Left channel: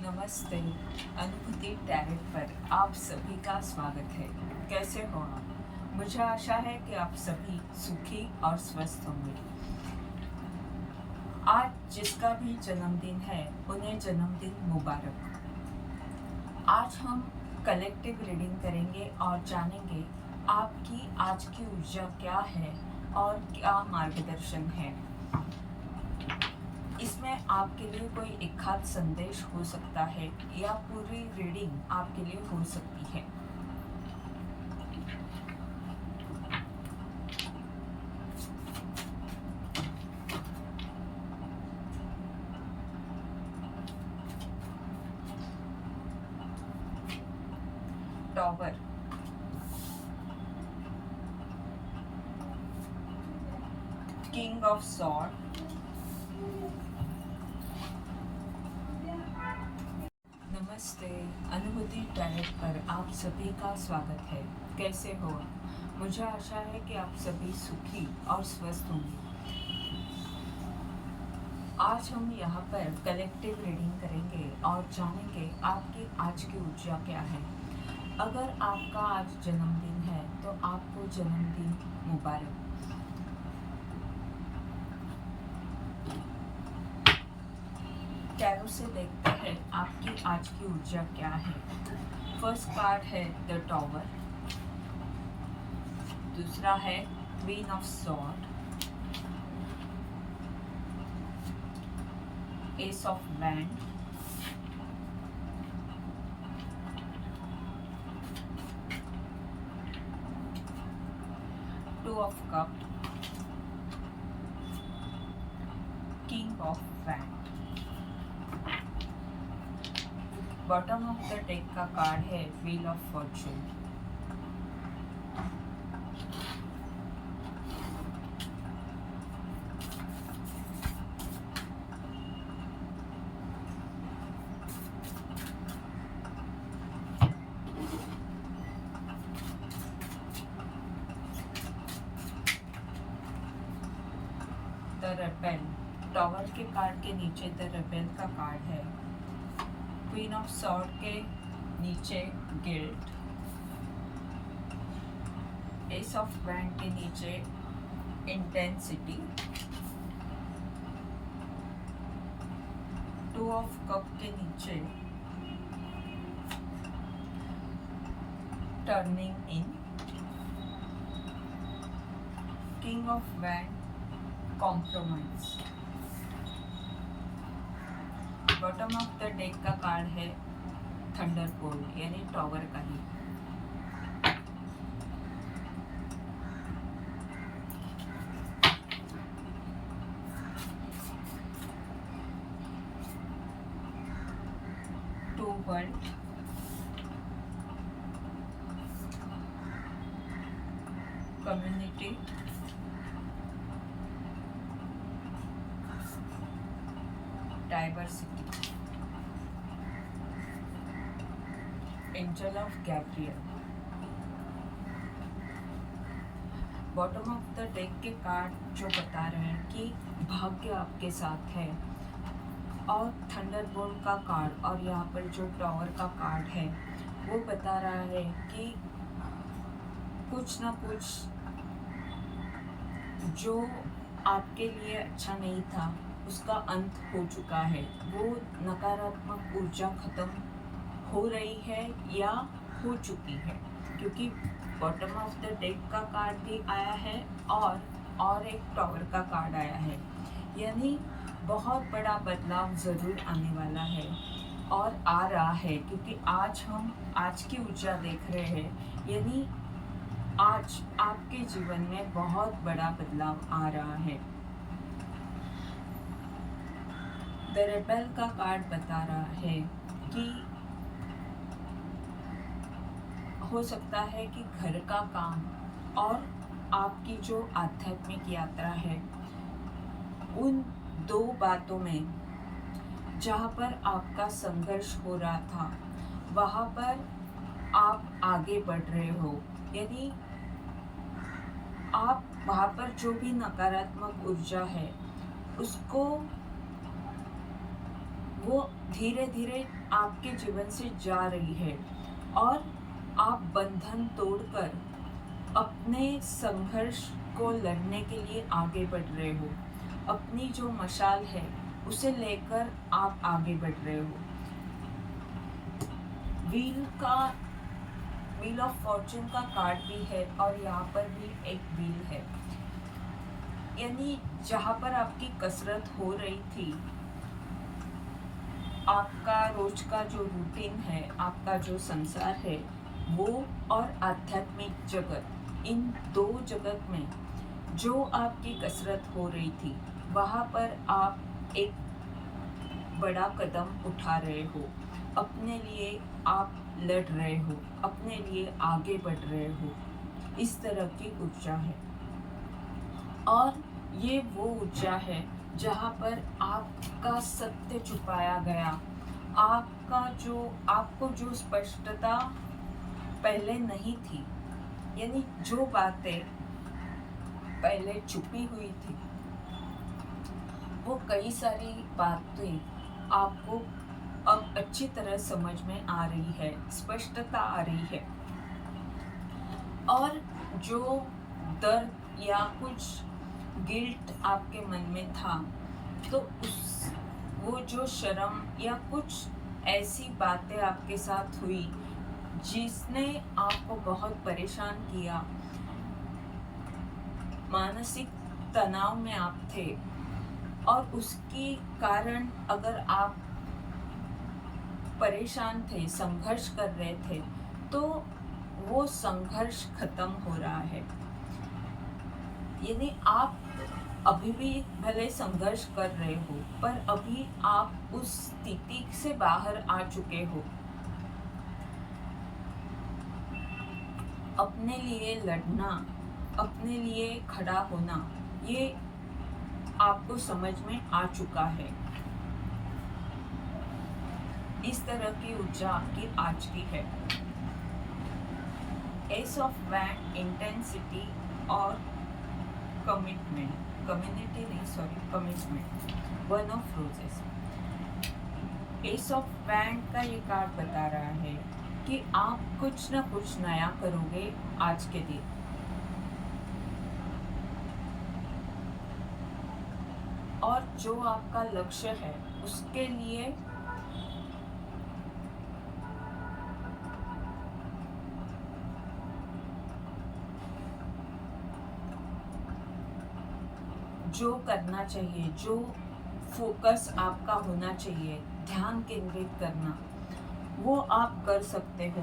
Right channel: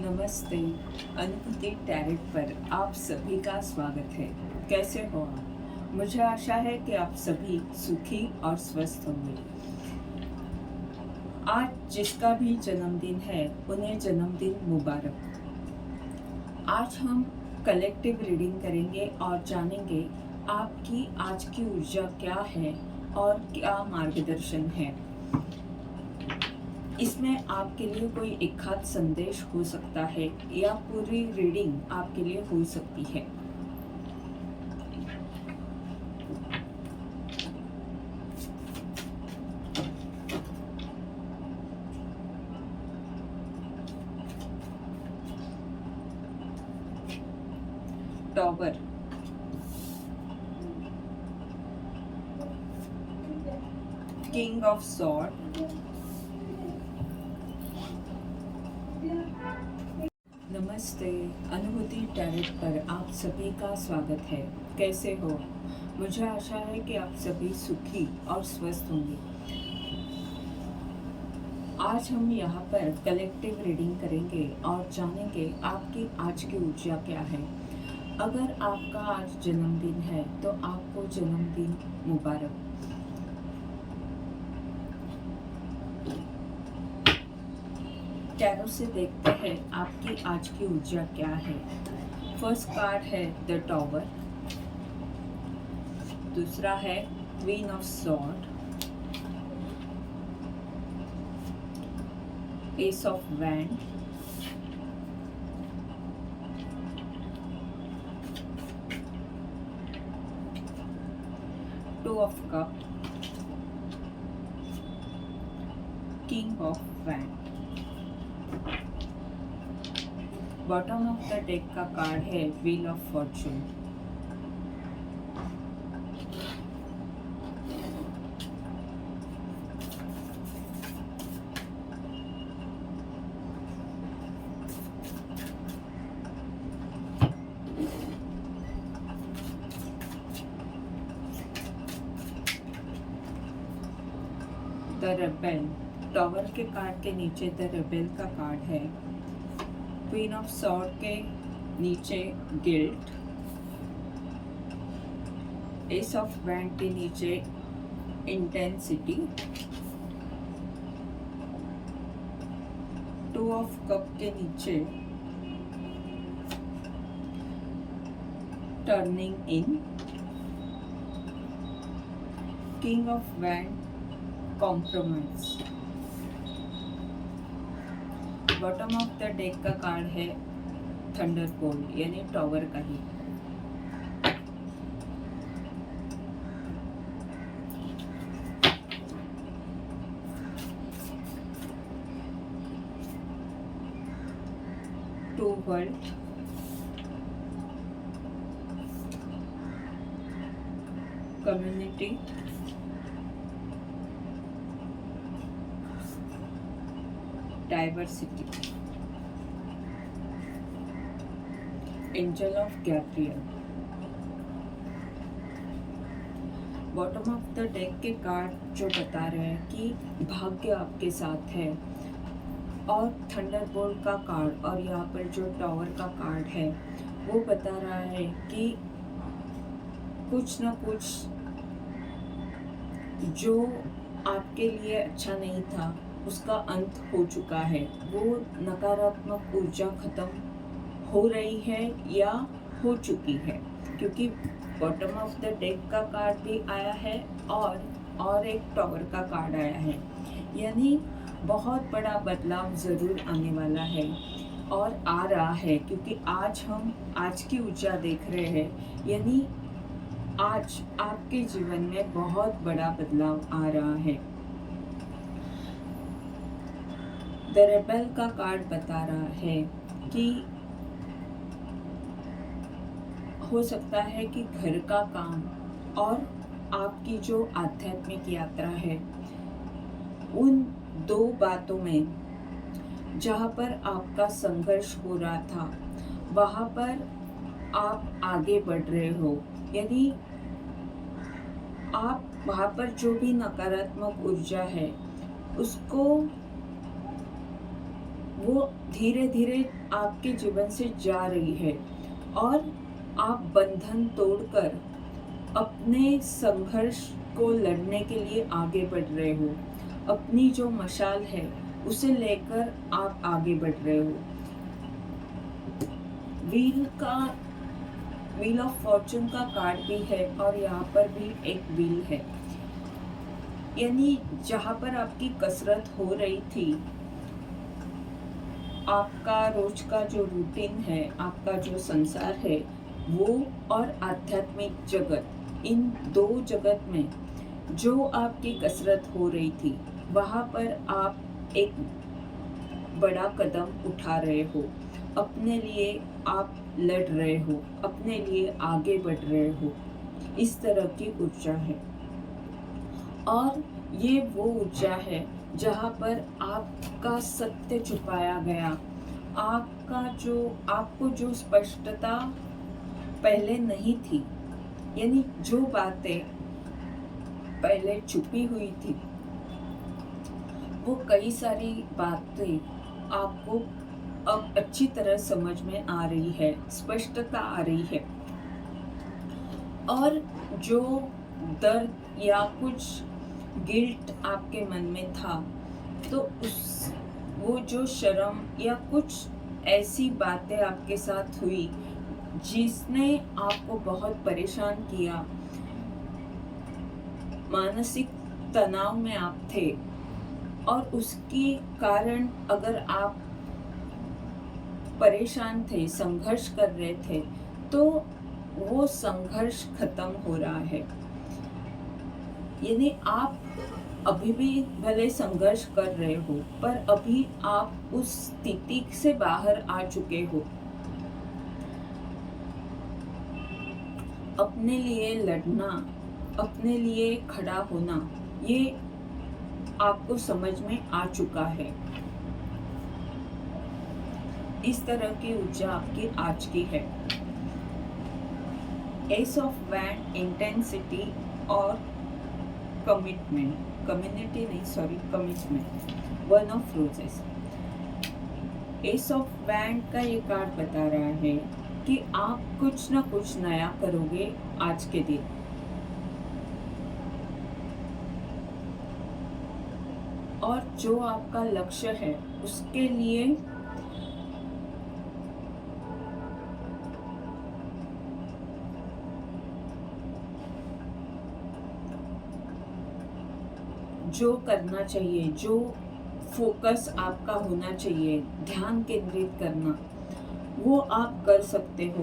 नमस्ते। अनुभूति टैरेट पर आप सभी का स्वागत है। कैसे हो आप? मुझे आशा है कि आप सभी सुखी और स्वस्थ होंगे। आज जिसका भी जन्मदिन है उन्हें जन्मदिन मुबारक। आज हम कलेक्टिव रीडिंग करेंगे और जानेंगे आपकी आज की ऊर्जा क्या है और क्या मार्गदर्शन है। इसमें आपके लिए कोई एक खास संदेश हो सकता है या पूरी रीडिंग आपके लिए हो सकती है। टॉवर, किंग ऑफ सॉर्ड, नमस्ते। अनुभूति टैरेट पर आप सभी का स्वागत है। कैसे हो? मुझे आशा है कि आप सभी सुखी और स्वस्थ होंगे। आज हम यहाँ पर कलेक्टिव रीडिंग करेंगे और जानेंगे आपकी आज की ऊर्जा क्या है। अगर आपका आज जन्मदिन है तो आपको जन्मदिन मुबारक। टैरो से देखते हैं आपकी आज की ऊर्जा क्या है। फर्स्ट कार्ड है द टॉवर, दूसरा है queen of sword, S of wand, two of cup, king of wand. Bottom of the deck का कार्ड है wheel of Fortune. The rebel, tower के कार्ड के नीचे द रेबेल का कार्ड है। क्वीन ऑफ सॉर्ड के नीचे गिल्ट, एस ऑफ वैंड के नीचे इंटेंसिटी, टू ऑफ कप के नीचे turning in, king of wand compromise. Bottom of the deck का कार्ड है थंडरबोल्ट यानी टॉवर का ही। Two world, community, diversity, angel of Gabriel. Bottom of the deck के कार्ड जो बता रहे हैं कि भाग्य आपके साथ है, और थंडरबोल्ट का कार्ड और यहाँ पर जो टॉवर का कार्ड है वो बता रहा है कि कुछ ना कुछ जो आपके लिए अच्छा नहीं था उसका अंत हो चुका है। वो नकारात्मक ऊर्जा खत्म हो रही है या हो चुकी है, क्योंकि बॉटम ऑफ द डेक का कार्ड भी आया है और एक टॉवर का कार्ड आया है। यानी बहुत बड़ा बदलाव ज़रूर आने वाला है और आ रहा है, क्योंकि आज हम आज की ऊर्जा देख रहे हैं। यानी आज आपके जीवन में बहुत बड़ा बदलाव आ रहा है। द रेबेल का कार्ड बता रहा है कि हो सकता है कि घर का काम और आपकी जो आध्यात्मिक यात्रा है उन दो बातों में जहाँ पर आपका संघर्ष हो रहा था वहाँ पर आप आगे बढ़ रहे हो। यदि आप वहाँ पर जो भी नकारात्मक ऊर्जा है उसको वो धीरे धीरे आपके जीवन से जा रही है और आप बंधन तोड़कर अपने संघर्ष को लड़ने के लिए आगे बढ़ रहे हो। अपनी जो मशाल है उसे लेकर आप आगे बढ़ रहे हो। व्हील ऑफ फॉर्चून का कार्ड भी है और यहाँ पर भी एक व्हील है, यानी जहाँ पर आपकी कसरत हो रही थी, आपका रोज का जो रूटीन है, आपका जो संसार है, वो और आध्यात्मिक जगत, इन दो जगत में जो आपकी कसरत हो रही थी, वहाँ पर आप एक बड़ा कदम उठा रहे हो। अपने लिए आप लड़ रहे हो, अपने लिए आगे बढ़ रहे हो। इस तरह की ऊर्जा है और ये वो ऊर्जा है जहाँ पर आपका सत्य छुपाया गया, आपको जो स्पष्टता पहले नहीं थी, यानी जो बातें पहले छुपी हुई थी, वो कई सारी बातें आपको अब अच्छी तरह समझ में आ रही है, स्पष्टता आ रही है। और जो दर्द या कुछ गिल्ट आपके मन में था, तो वो जो शर्म या कुछ ऐसी बातें आपके साथ हुई जिसने आपको बहुत परेशान किया, मानसिक तनाव में आप थे, और उसके कारण अगर आप परेशान थे, संघर्ष कर रहे थे, तो वो संघर्ष खत्म हो रहा है। यानी आप अभी भी भले संघर्ष कर रहे हो, पर अभी आप उस स्थिति से बाहर आ चुके हो। अपने लिए लड़ना, अपने लिए खड़ा होना, ये आपको समझ में आ चुका है। इस तरह की ऊर्जा आपकी आज की है। एस ऑफ वैंड इंटेंसिटी और commitment, commitment. One of roses. S of wand का ये कार्ड बता रहा है कि आप कुछ ना कुछ नया करोगे आज के दिन। और जो आपका लक्ष्य है उसके लिए जो करना चाहिए, जो फोकस आपका होना चाहिए, ध्यान केंद्रित करना, वो आप कर सकते हो।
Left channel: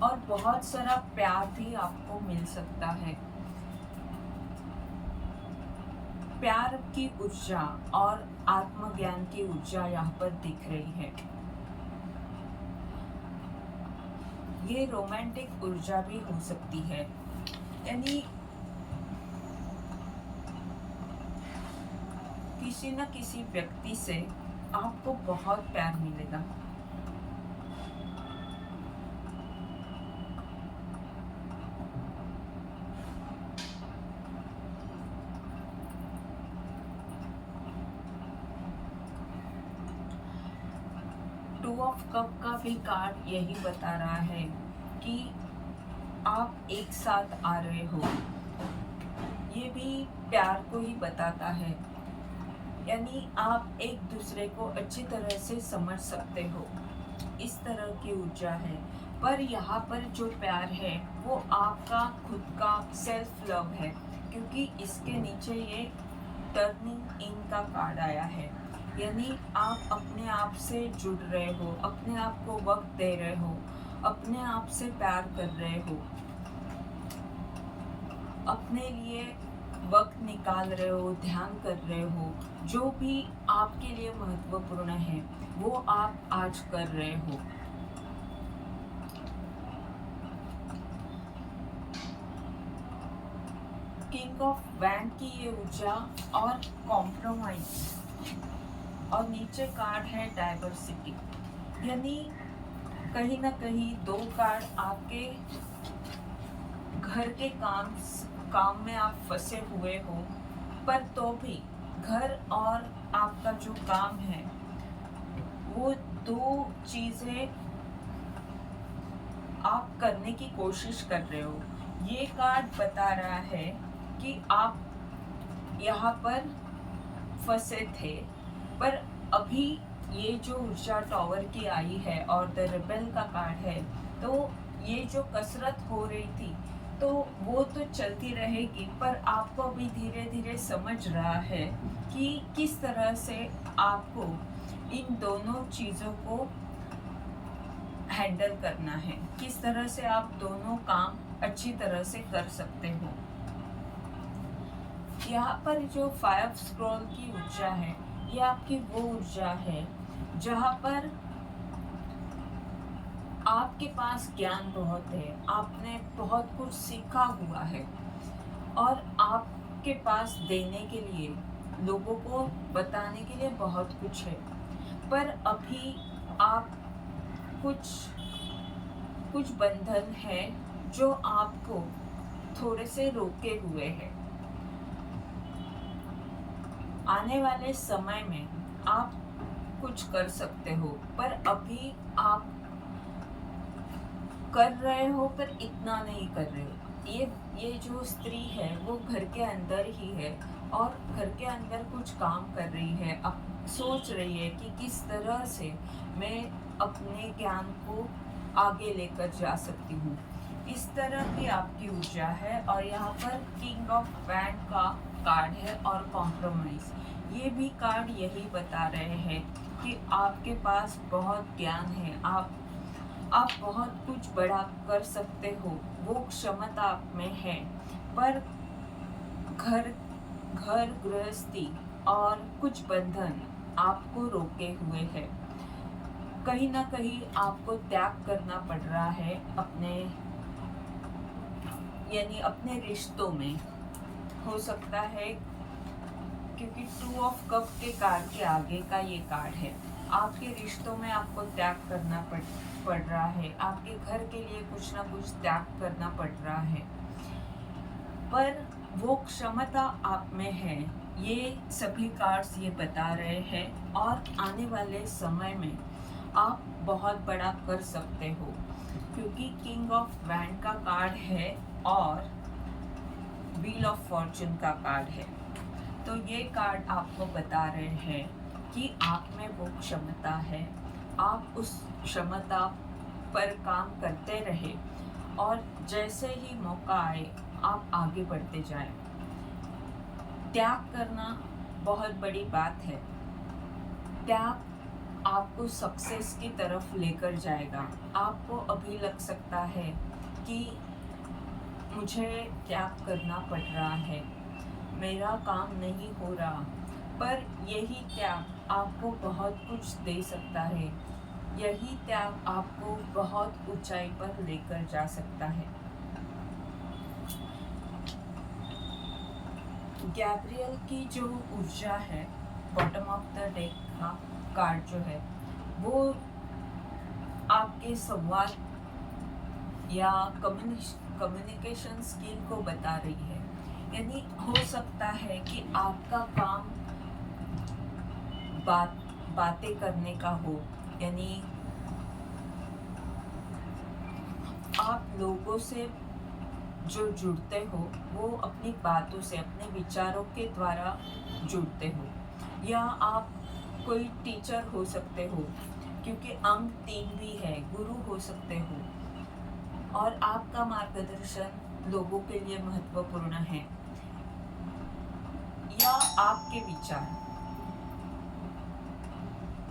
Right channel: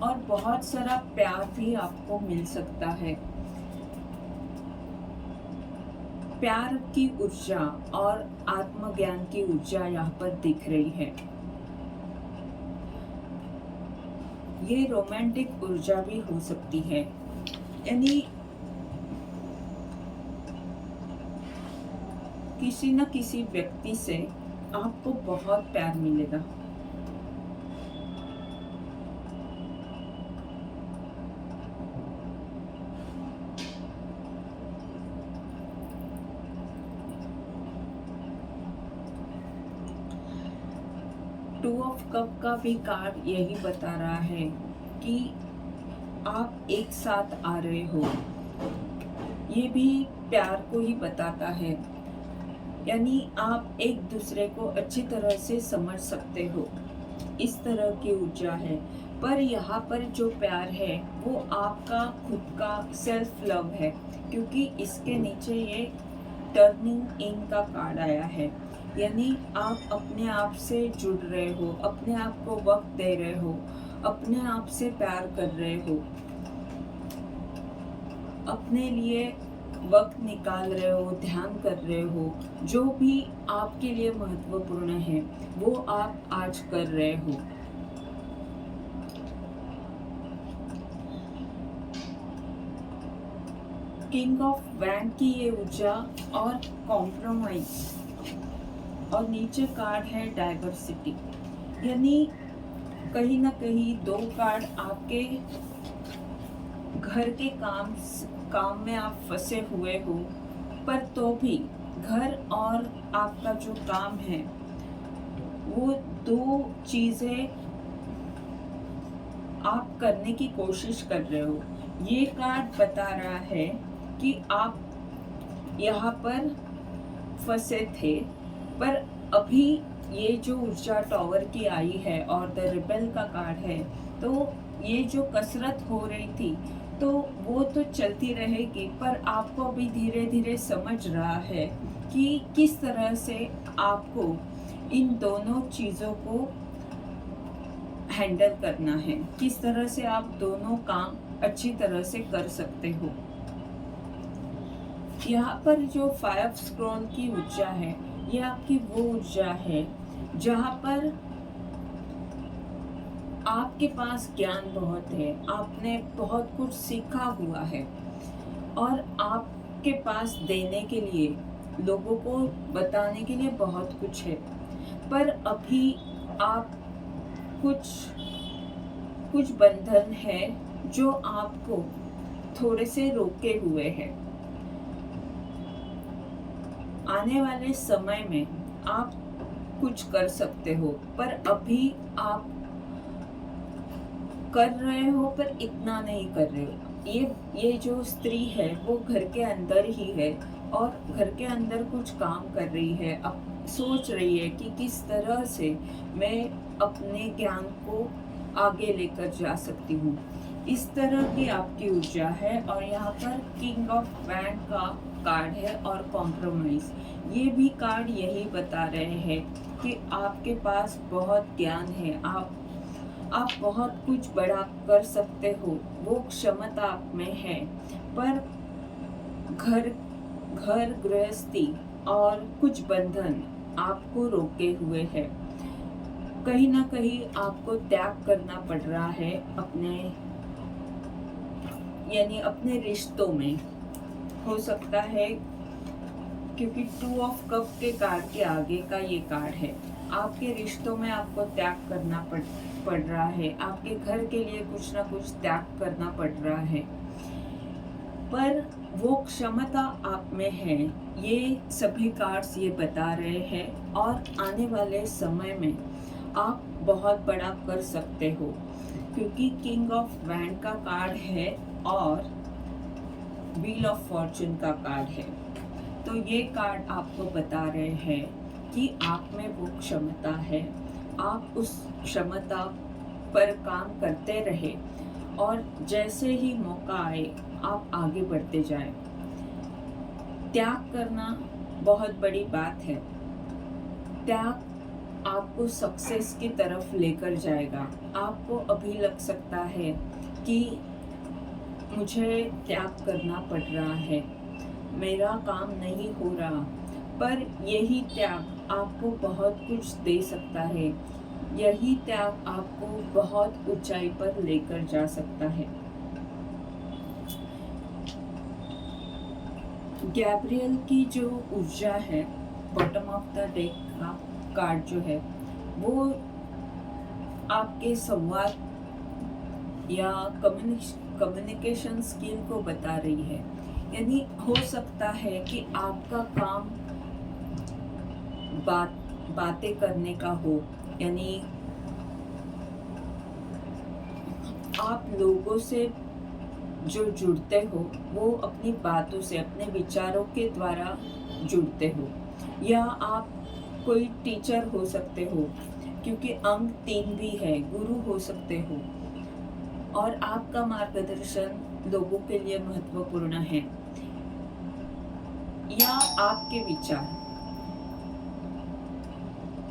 और बहुत सारा प्यार भी आपको मिल सकता है। प्यार की ऊर्जा और आत्मज्ञान की ऊर्जा यहाँ पर दिख रही है। ये रोमांटिक ऊर्जा भी हो सकती है, यानी किसी न किसी व्यक्ति से आपको बहुत प्यार मिलेगा। टू ऑफ कप का भी कार्ड यही बता रहा है कि आप एक साथ आ रहे हो। ये भी प्यार को ही बताता है, यानी आप एक दूसरे को अच्छी तरह से समझ सकते हो। इस तरह की ऊर्जा है। पर यहाँ पर जो प्यार है वो आपका खुद का सेल्फ लव है, क्योंकि इसके नीचे ये टर्निंग इन का कार्ड आया है। यानी आप अपने आप से जुड़ रहे हो, अपने आप को वक्त दे रहे हो, अपने आप से प्यार कर रहे हो, अपने लिए वक्त निकाल रहे हो, ध्यान कर रहे हो। जो भी आपके लिए महत्वपूर्ण है वो आप आज कर रहे हो। किंग ऑफ वैंड की ये ऊर्जा और कॉम्प्रोमाइज, और नीचे कार्ड है डाइवर्सिटी, यानी कहीं ना कहीं दो कार्ड आपके घर के काम में आप फंसे हुए हो, पर तो भी घर और आपका जो काम है वो दो चीजें आप करने की कोशिश कर रहे हो। ये कार्ड बता रहा है कि आप यहाँ पर फंसे थे, पर अभी ये जो ऊर्जा टॉवर की आई है और द रिबेल का कार्ड है, तो ये जो कसरत हो रही थी तो वो तो चलती रहेगी, पर आपको अभी धीरे धीरे समझ रहा है कि किस तरह से आपको इन दोनों चीज़ों को हैंडल करना है, किस तरह से आप दोनों काम अच्छी तरह से कर सकते हो। यहाँ पर जो 5 स्क्रॉल की ऊर्जा है, ये आपकी वो ऊर्जा है जहाँ पर आपके पास ज्ञान बहुत है, आपने बहुत कुछ सीखा हुआ है और आपके पास देने के लिए, लोगों को बताने के लिए बहुत कुछ है, पर अभी आप कुछ बंधन है जो आपको थोड़े से रोके हुए हैं। आने वाले समय में आप कुछ कर सकते हो, पर अभी आप कर रहे हो पर इतना नहीं कर रहे हो। ये जो स्त्री है वो घर के अंदर ही है और घर के अंदर कुछ काम कर रही है, अब सोच रही है कि किस तरह से मैं अपने ज्ञान को आगे लेकर जा सकती हूँ। इस तरह की आपकी ऊर्जा है। और यहाँ पर किंग ऑफ वैंड का कार्ड है और कॉम्प्रोमाइज, ये भी कार्ड यही बता रहे हैं कि आपके पास बहुत ज्ञान है, आप बहुत कुछ बड़ा कर सकते हो, वो क्षमता आप में है, पर घर गृहस्थी और कुछ बंधन आपको रोके हुए हैं। कहीं ना कहीं आपको त्याग करना पड़ रहा है अपने रिश्तों में, हो सकता है, क्योंकि 2 ऑफ कप के कार्ड के आगे का ये कार्ड है। आपके रिश्तों में आपको त्याग करना पड़ रहा है, आपके घर के लिए कुछ ना कुछ त्याग करना पड़ रहा है, पर वो क्षमता आप में है, ये सभी कार्ड्स ये बता रहे हैं। और आने वाले समय में आप बहुत बड़ा कर सकते हो, क्योंकि किंग ऑफ वैंड का कार्ड है और व्हील ऑफ फॉर्चून का कार्ड है। तो ये कार्ड आपको बता रहे हैं कि आप में वो क्षमता है, आप उस क्षमता पर काम करते रहे और जैसे ही मौका आए आप आगे बढ़ते जाएं। त्याग करना बहुत बड़ी बात है, त्याग आपको सक्सेस की तरफ लेकर जाएगा। आपको अभी लग सकता है कि मुझे त्याग करना पड़ रहा है, मेरा काम नहीं हो रहा, पर यही त्याग आपको बहुत कुछ दे सकता है, यही त्याग आपको बहुत ऊंचाई पर लेकर जा सकता है। गैब्रियल की जो ऊर्जा है, बॉटम ऑफ द डेक का कार्ड जो है, वो आपके संवाद या कम्युनिकेशन स्किल को बता रही है। यानी हो सकता है कि आपका काम बातें करने का हो, यानी आप लोगों से जो जुड़ते हो वो अपनी बातों से, अपने विचारों के द्वारा जुड़ते हो, या आप कोई टीचर हो सकते हो, क्योंकि अंक 3 भी है, गुरु हो सकते हो, और आपका मार्गदर्शन लोगों के लिए महत्वपूर्ण है, या आपके विचार।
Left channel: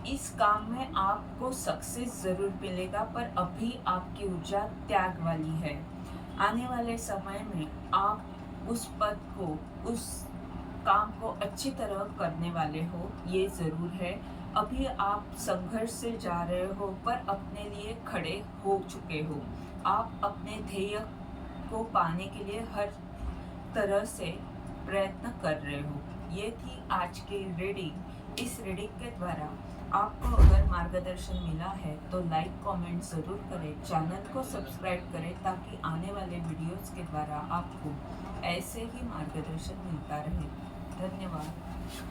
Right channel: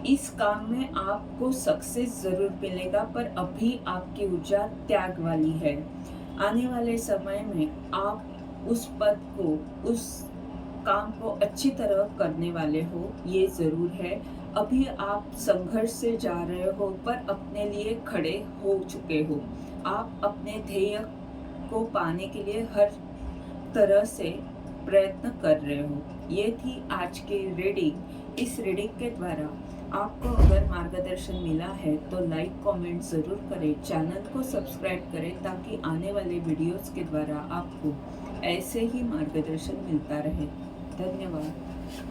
इस काम में आपको सक्सेस जरूर मिलेगा, पर अभी आपकी ऊर्जा त्याग वाली है। आने वाले समय में आप उस पद को, उस काम को अच्छी तरह करने वाले हो, ये जरूर है। अभी आप संघर्ष से जा रहे हो, पर अपने लिए खड़े हो चुके हो, आप अपने ध्येय को पाने के लिए हर तरह से प्रयत्न कर रहे हो। ये थी आज की रीडिंग। इस रीडिंग के द्वारा आपको अगर मार्गदर्शन मिला है तो लाइक कमेंट ज़रूर करें, चैनल को सब्सक्राइब करें, ताकि आने वाले वीडियोस के द्वारा आपको ऐसे ही मार्गदर्शन मिलता रहे। धन्यवाद।